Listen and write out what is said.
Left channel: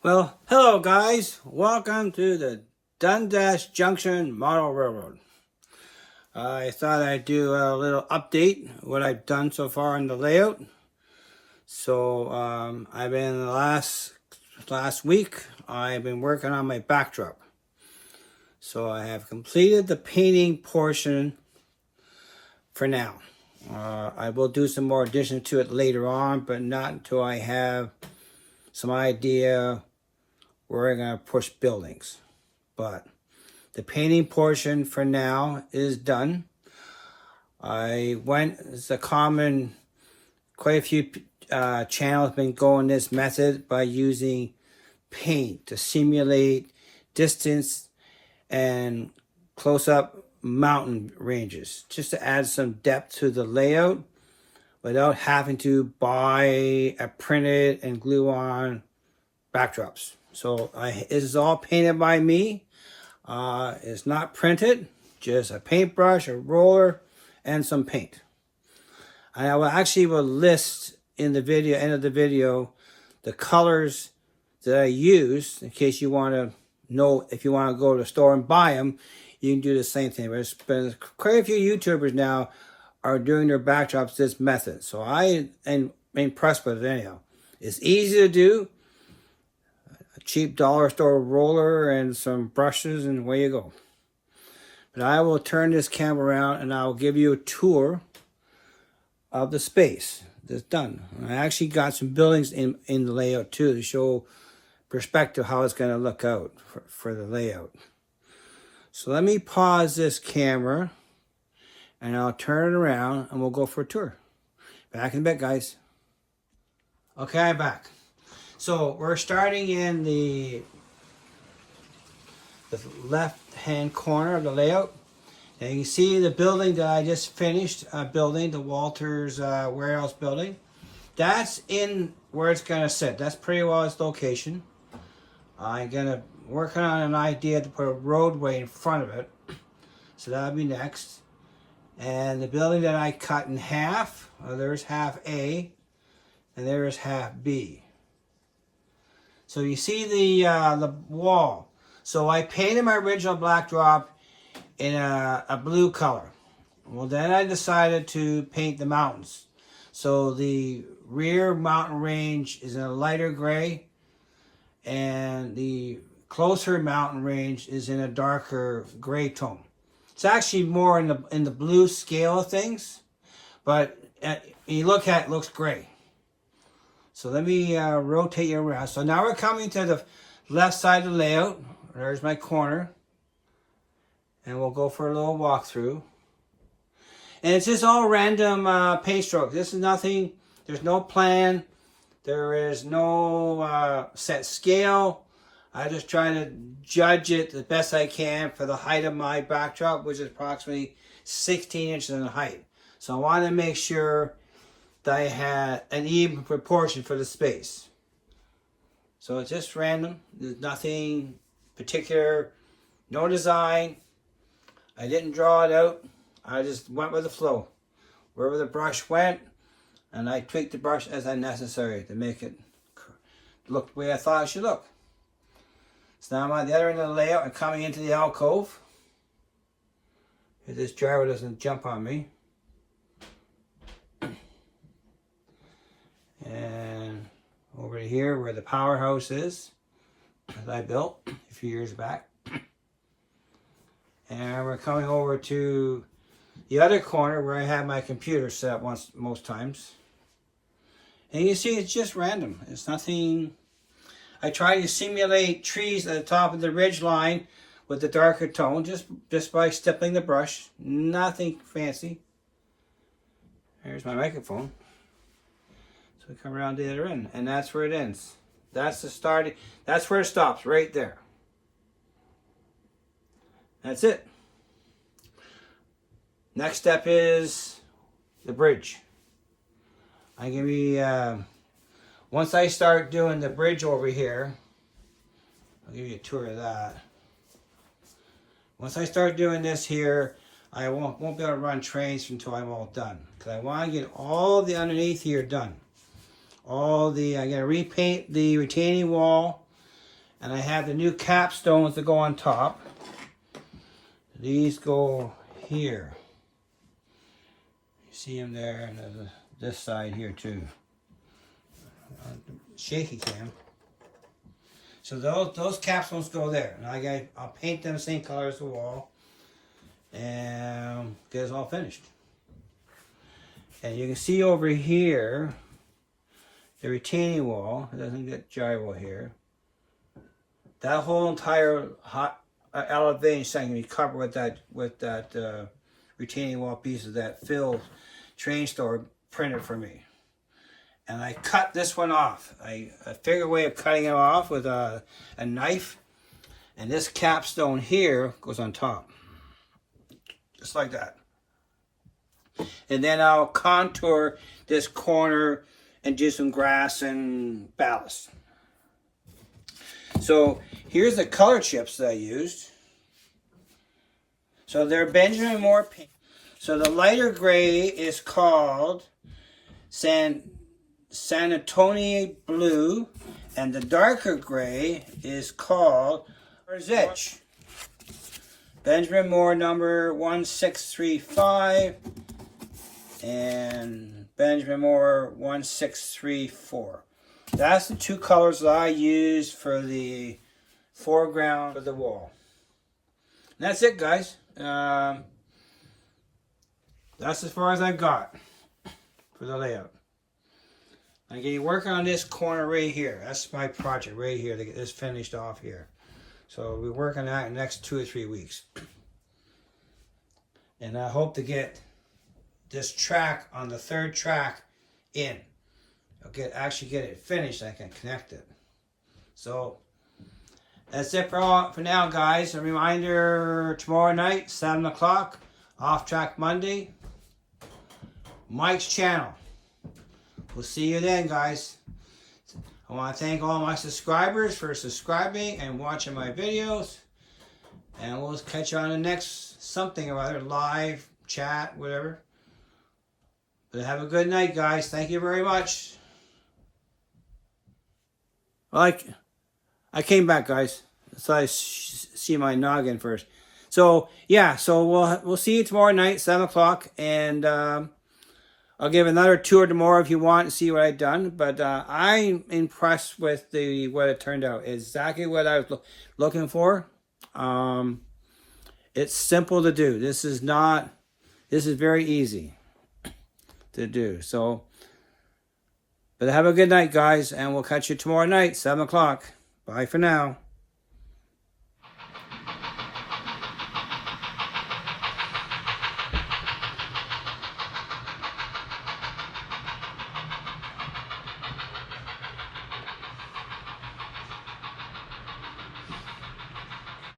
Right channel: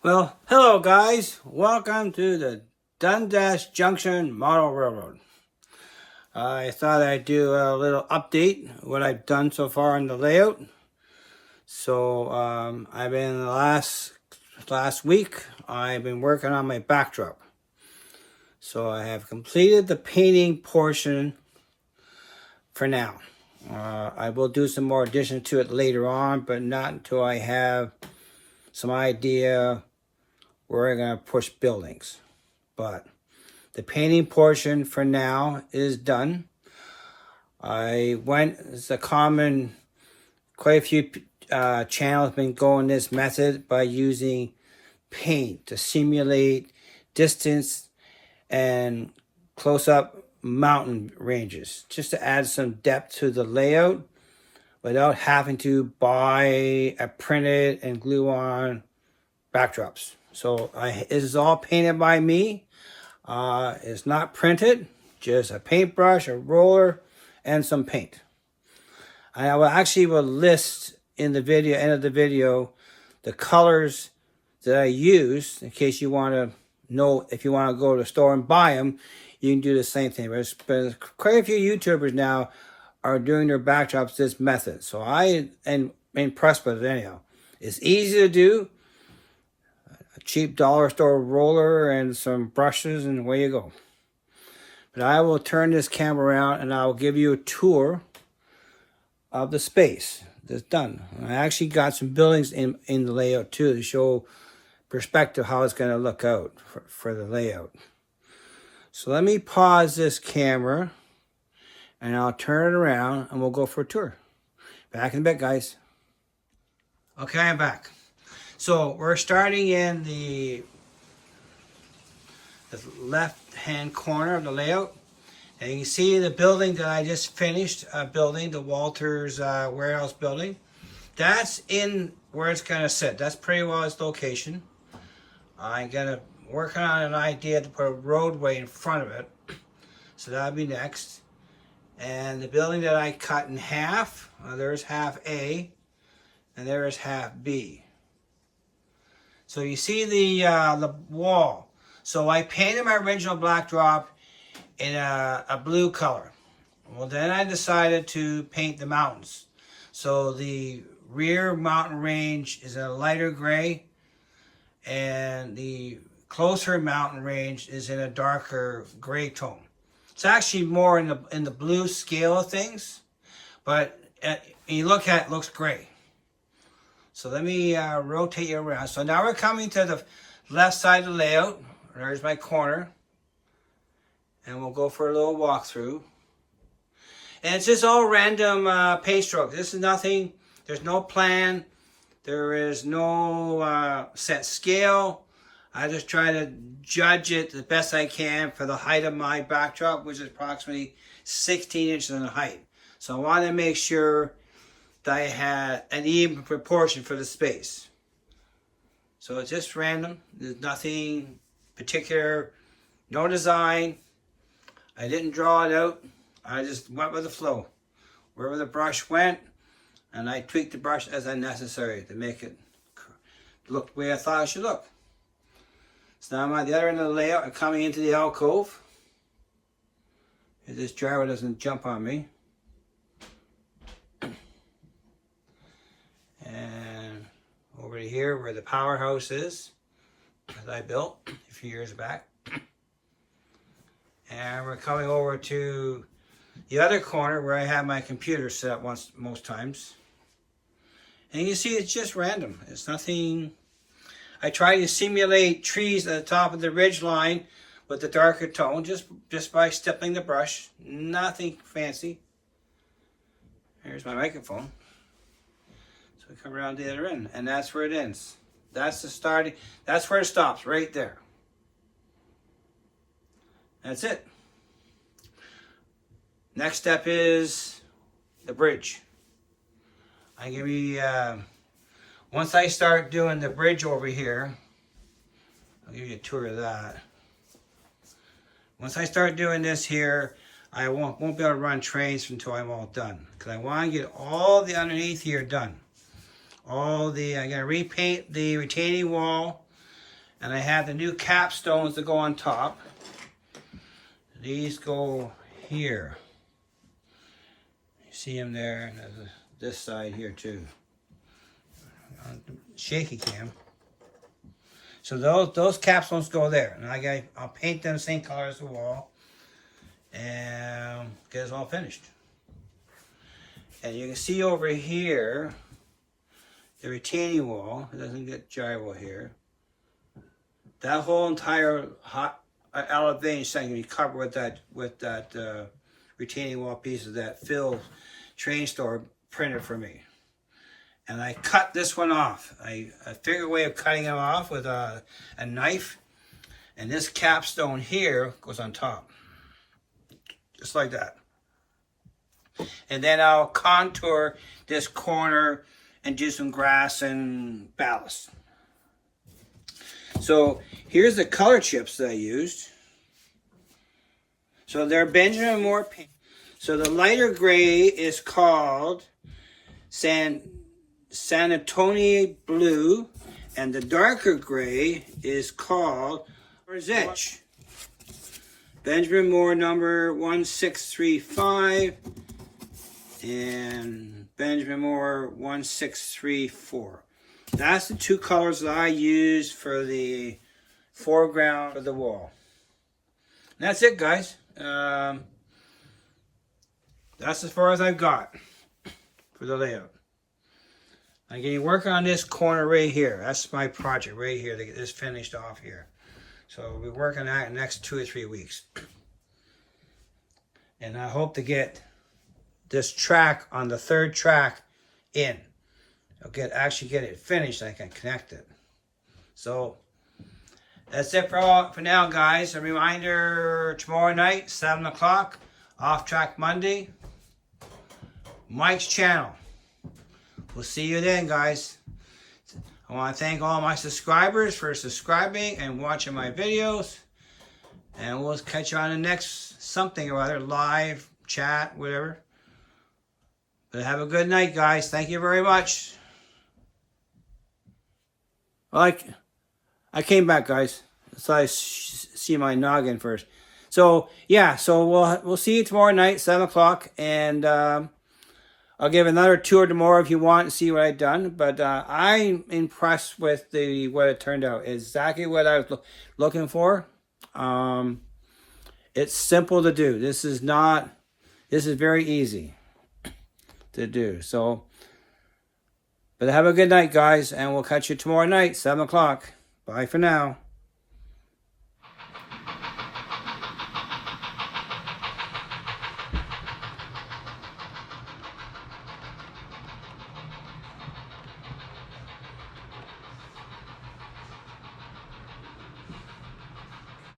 Well, hello guys. Welcome to the Dundas Junction Model Railroad. I thought I'd do a little update what I've done so far on the layout. So I've been last week I've been working on my backdrop. So I have completed the painting portion for now. I will do some more addition to it later on, but not until I have some idea where I'm going to push buildings. But the painting portion for now is done. It's a common, quite a few channels been going this method by using paint to simulate distance and close-up mountain ranges, just to add some depth to the layout without having to buy a printed and glue on backdrops. So this is all painted by me. It's not printed, just a paintbrush, a roller, and some paint. I will list in the end of the video, the colors that I use in case you want to know if you want to go to the store and buy them. You can do the same thing. But quite a few YouTubers now are doing their backdrops this method. So I am impressed with it anyhow. It's easy to do. Cheap dollar store roller and some brushes, and away you go. But I will turn this camera around and I'll give you a tour of the space that's done. I actually got some buildings in the layout too to show perspective how it's going to look out for the layout. So let me pause this camera and I'll turn it around and we'll go for a tour. Back in a bit, guys. Okay, I'm back. So we're starting in the left-hand corner of the layout. And you can see the building that I just finished building, the Walters warehouse building. That's in where it's going to sit. That's pretty well its location. I'm going to work on an idea to put a roadway in front of it. So that'll be next. And the building that I cut in half, there's half A, and there's half B. So you see the wall. So I painted my original backdrop in a blue color. Well, then I decided to paint the mountains. So the rear mountain range is in a lighter gray, and the closer mountain range is in a darker gray tone. It's actually more in the blue scale of things, but when you look at it, it looks gray. So let me rotate you around. So now we're coming to the left side of the layout. There's my corner. And we'll go for a little walkthrough. And it's just all random paint strokes. This is nothing. There's no plan. There is no set scale. I just try to judge it the best I can for the height of my backdrop, which is approximately 16 inches in height. So I want to make sure that I had an even proportion for the space. So it's just random. There's nothing particular, no design. I didn't draw it out. I just went with the flow. Wherever the brush went, and I tweaked the brush as necessary to make it look the way I thought it should look. So now I'm at the other end of the layout and coming into the alcove. If this driver doesn't jump on me. And over to here where the powerhouse is that I built a few years back. And we're coming over to the other corner where I have my computer set up most times. And you can see it's just random. It's nothing. I try to simulate trees at the top of the ridge line with the darker tone just by stippling the brush. Nothing fancy. Here's my microphone. So we come around the other end, and that's where it ends. That's the starting. That's where it stops, right there. That's it. Next step is the bridge. I'm gonna be once I start doing the bridge over here, I'll give you a tour of that. Once I start doing this here, I won't be able to run trains until I'm all done, because I want to get all the underneath here done. I'm gonna repaint the retaining wall And I have the new capstones that go on top. These go here. You see them there. There's this side here too. Shaky cam. So those capstones go there, and I'll paint them the same color as the wall, and get it all finished. And you can see over here the retaining wall. It doesn't get gyro here. That whole entire elevation section can be covered with that retaining wall pieces that Phil Train Store printed for me. And I cut this one off. I figured a way of cutting it off with a knife. And this capstone here goes on top. Just like that. And then I'll contour this corner and do some grass and ballast. So here's the color chips that I used. So they're Benjamin Moore paint. So the lighter gray is called San Antonio Blue, and the darker gray is called Zitch. Benjamin Moore number 1635 and Benjamin Moore 1634. That's the two colors that I use for the foreground of the wall. And that's it, guys. That's as far as I've got for the layout. I'm going to work on this corner right here. That's my project right here to get this finished off here. So we'll be working on that in the next 2 or 3 weeks. And I hope to get this track on the 3rd track in. I'll actually get it finished. I can connect it. So that's it for now, guys. A reminder, tomorrow night, 7 o'clock, Off Track Monday, Mike's channel. We'll see you then, guys. I want to thank all my subscribers for subscribing and watching my videos. And we'll catch you on the next something or other, live, chat, whatever. But have a good night, guys. Thank you very much. I came back, guys. So I see my noggin first. So yeah, so we'll see you tomorrow night, 7 o'clock, and I'll give another tour tomorrow if you want to see what I've done. But I'm impressed with what it turned out. It's exactly what I was looking for. It's simple to do. This is very easy to do. So, but have a good night, guys, and we'll catch you tomorrow night, 7 o'clock. Bye for now.